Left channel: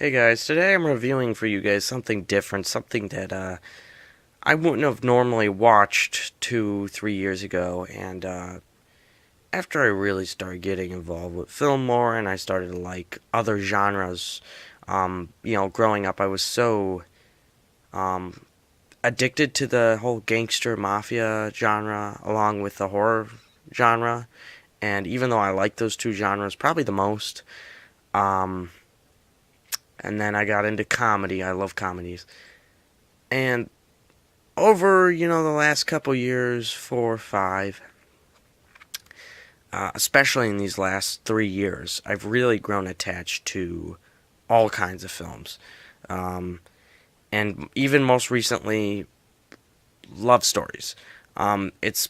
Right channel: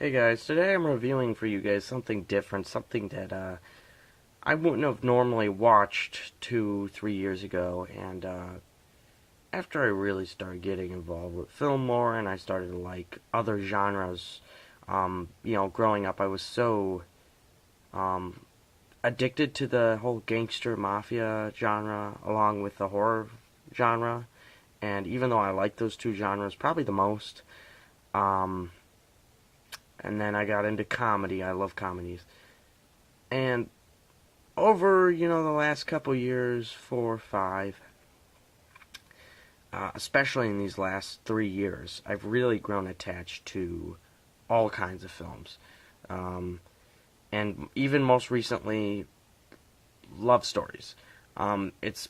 Hey guys, today I'm reviewing for you guys something different, something that I wouldn't have normally watched 2, 3 years ago. And after I really started getting involved with film more and I started to like other genres, growing up I was so um, addicted to the whole gangster mafia genre along with the horror genre. And even though I like those two genres probably the most, um, and then I got into comedy. I love comedies. And over, the last couple years, 4 or 5, especially in these last 3 years, I've really grown attached to all kinds of films. Um, and even most recently, love stories. It's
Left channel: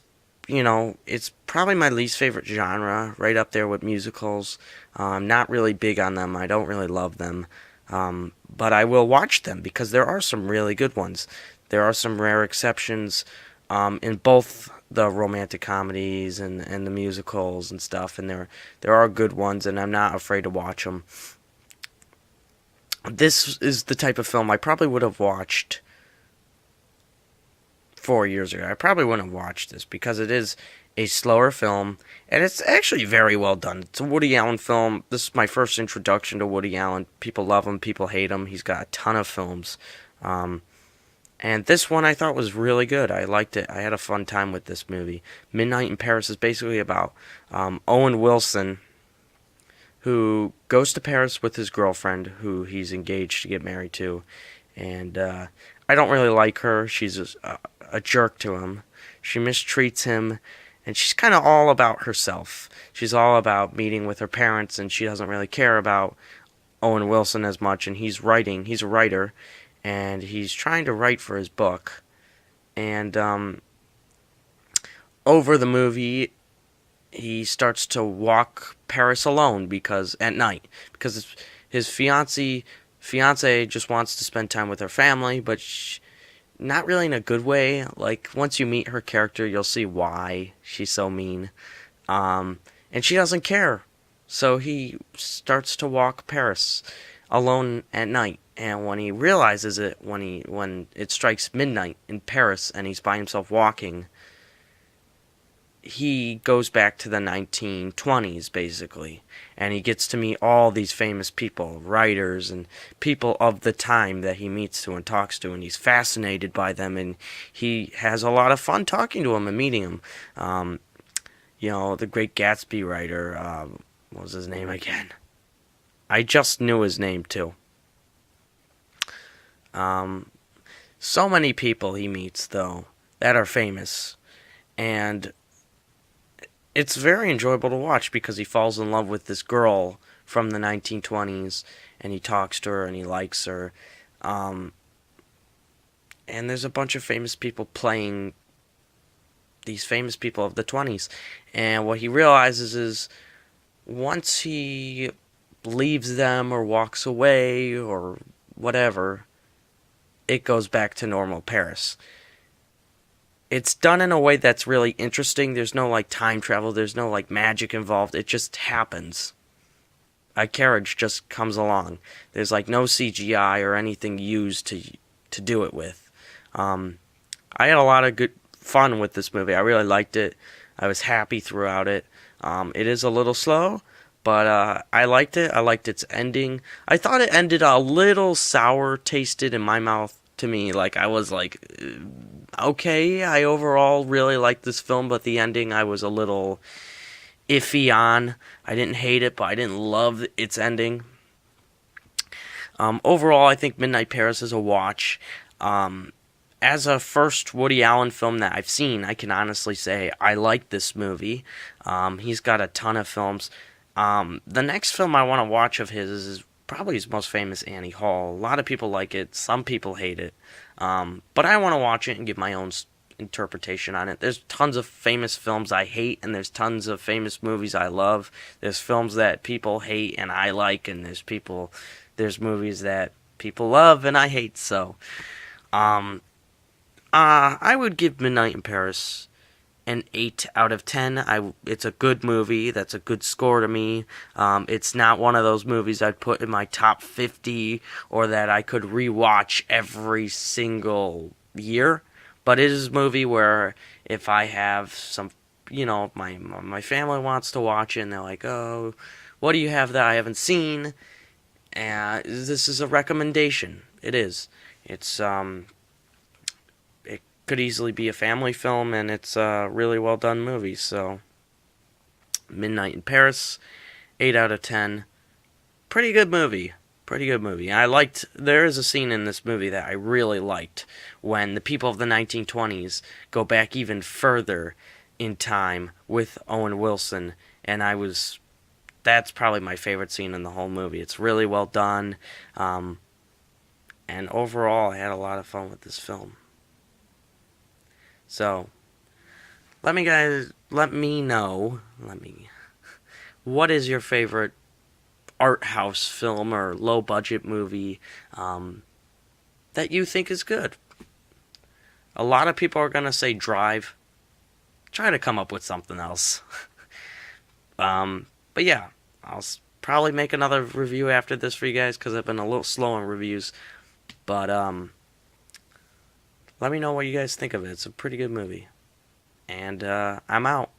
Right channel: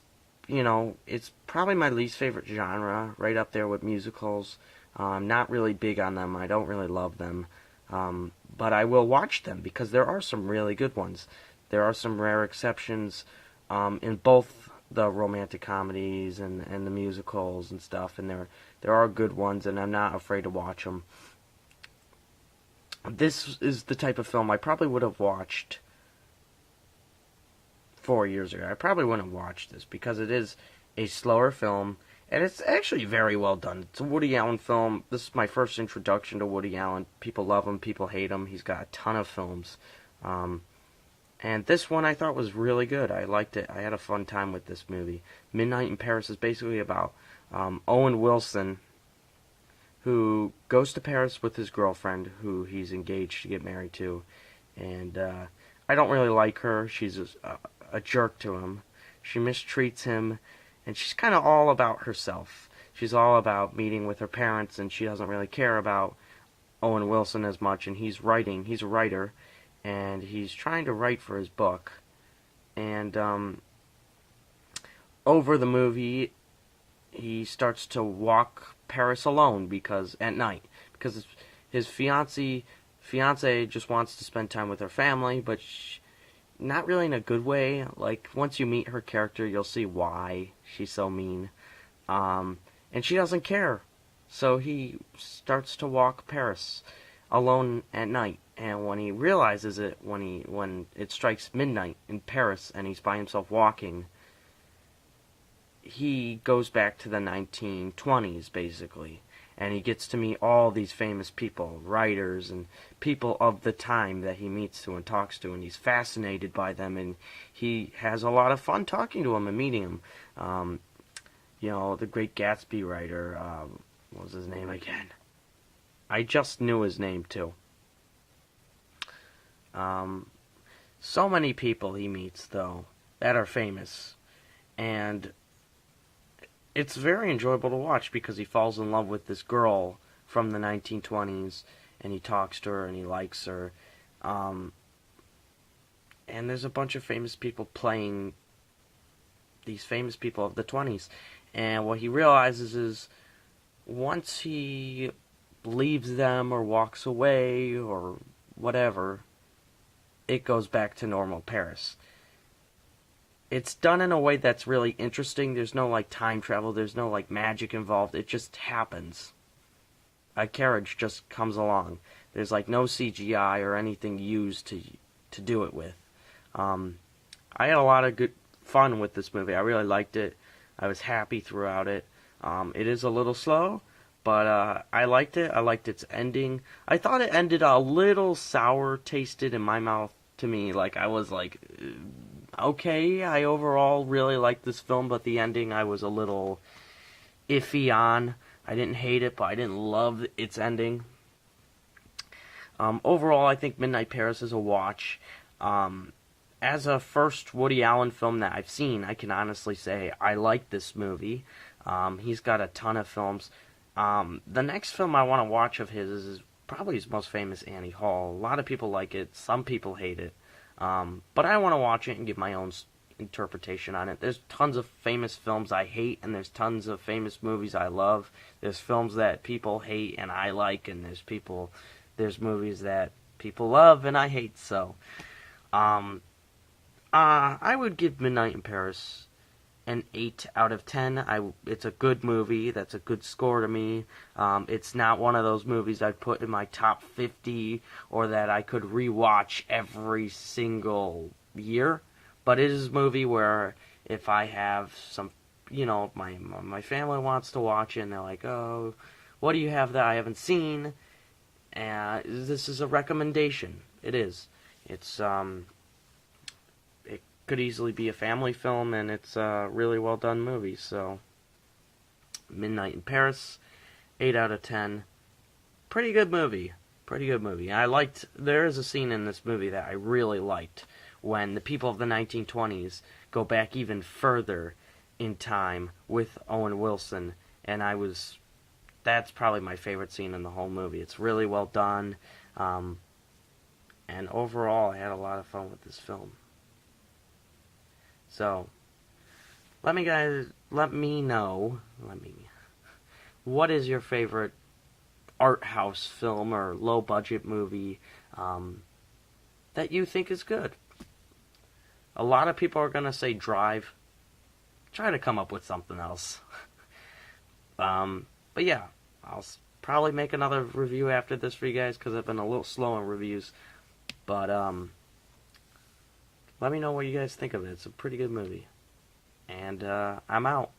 probably my least favorite genre, right up there with musicals. I'm not really big on them. I don't really love them. But I will watch them because there are some really good ones. There are some rare exceptions in both the romantic comedies and the musicals and stuff, and there are good ones, and I'm not afraid to watch them. This is the type of film I probably would have watched 4 years ago. I probably wouldn't have watched this because it is a slower film, and it's actually very well done. It's a Woody Allen film. This is my first introduction to Woody Allen. People love him, people hate him. He's got a ton of films. Um, and this one I thought was really good. I liked it. I had a fun time with this movie. Midnight in Paris is basically about Owen Wilson, who goes to Paris with his girlfriend, who he's engaged to get married to. And I don't really like her. She's a jerk to him. She mistreats him, and she's kind of all about herself. She's all about meeting with her parents, and she doesn't really care about Owen Wilson as much. And he's writing. He's a writer, and he's trying to write for his book. And over the movie, he starts to walk Paris alone because at night because his fiance just wants to spend time with her family, but not really in a good way. Like once you meet her character, you'll see why she's so mean. And she doesn't care. So he starts to walk Paris alone at night. And when he realizes it, when it strikes midnight in Paris and he's by himself walking, he goes back to the 1920s basically, and he gets to meet all these famous people, writers and people of the time that he meets to and talks to, and he's fascinated by them, and he has a lot of fun talking to them and meeting them. um, the Great Gatsby writer, what was his name again? I just knew his name too. um, so many people he meets though that are famous, and it's very enjoyable to watch because he falls in love with this girl from the 1920s, and he talks to her and he likes her. Um, and there's a bunch of famous people playing these famous people of the 20s. And what he realizes is once he leaves them or walks away or whatever, it goes back to normal Paris. It's done in a way that's really interesting. There's no like time travel, there's no like magic involved. It just happens. A carriage just comes along. There's like no CGI or anything used to do it with. Um, I had a lot of good fun with this movie. I really liked it. I was happy throughout it. It is a little slow, but I liked it. I liked its ending. I thought it ended a little sour tasted in my mouth to me. Like I was like, okay, I overall really liked this film, but the ending I was a little iffy on. I didn't hate it, but I didn't love its ending. Overall, I think Midnight Paris is a watch. Um, as a first Woody Allen film that I've seen, I can honestly say I like this movie. He's got a ton of films. The next film I want to watch of his is probably his most famous, Annie Hall. A lot of people like it, some people hate it. But I want to watch it and give my own interpretation on it. There's tons of famous films I hate, and there's tons of famous movies I love. There's films that people hate and I like, and there's movies that people love and I hate. So, I would give Midnight in Paris an 8 out of 10. It's a good movie. That's a good score to me. It's not one of those movies I'd put in my top 50 or that I could rewatch every single year. But it is a movie where if I have some, my family wants to watch it and they're like, oh, what do you have that I haven't seen? And this is a recommendation. It is. It could easily be a family film, and it's a really well done movie. So, Midnight in Paris, 8 out of 10. Pretty good movie. Pretty good movie. There is a scene in this movie that I really liked when the people of the 1920s go back even further in time with Owen Wilson, and that's probably my favorite scene in the whole movie. It's really well done, and overall, I had a lot of fun with this film. So, let me know, what is your favorite art house film or low budget movie that you think is good? A lot of people are gonna say Drive. Try to come up with something else. But yeah, I'll probably make another review after this for you guys because I've been a little slow on reviews. But let me know what you guys think of it. It's a pretty good movie. And I'm out.